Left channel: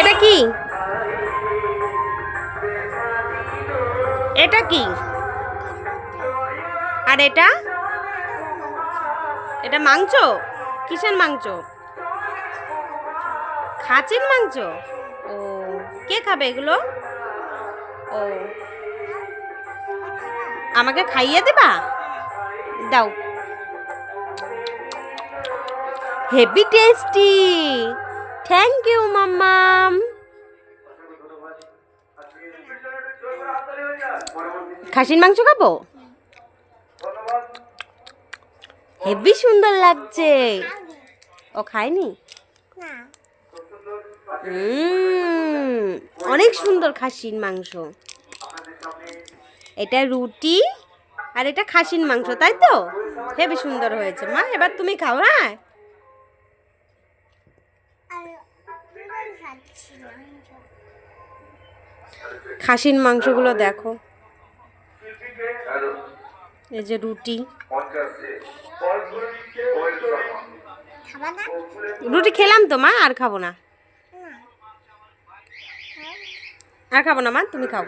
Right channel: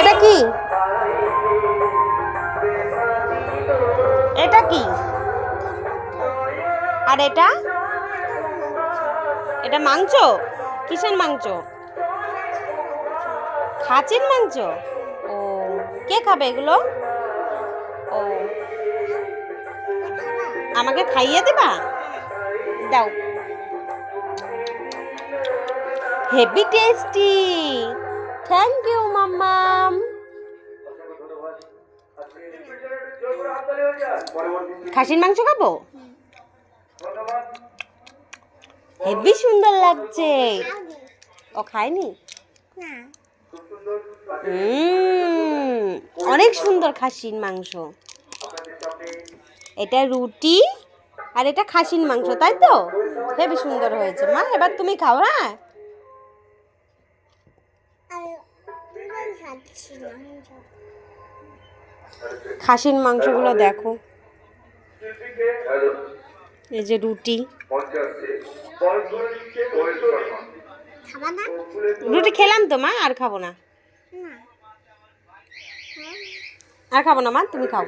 এটা কি? এটা কি? আর এটা? এটা মাংস? কিসের মাংস? খাসির মাংস? ও, কে খাবে এগুলো? ও, আমাকে খাইয়ে দিবা? দাও। Heavy tasty. থ্যাংক ইউ মাম্মাম। খাসির মাংস খাবো? হেভি সুন্দর লাগছে। ও খায়নি? অনেক সুন্দর খাসির মাংস। এটা রুটি আর এটা খাসির মাংস, তাই তো? হেভি সুন্দর হয়েছে মা। এবার তুমি খাও। হ্যাঁ, খাসির মাংসগুলো দেখো। এই যে রুটি। রুটি খেলাম তো মা, আর খাবো না। আর খাবো না মা, তুমি খাও।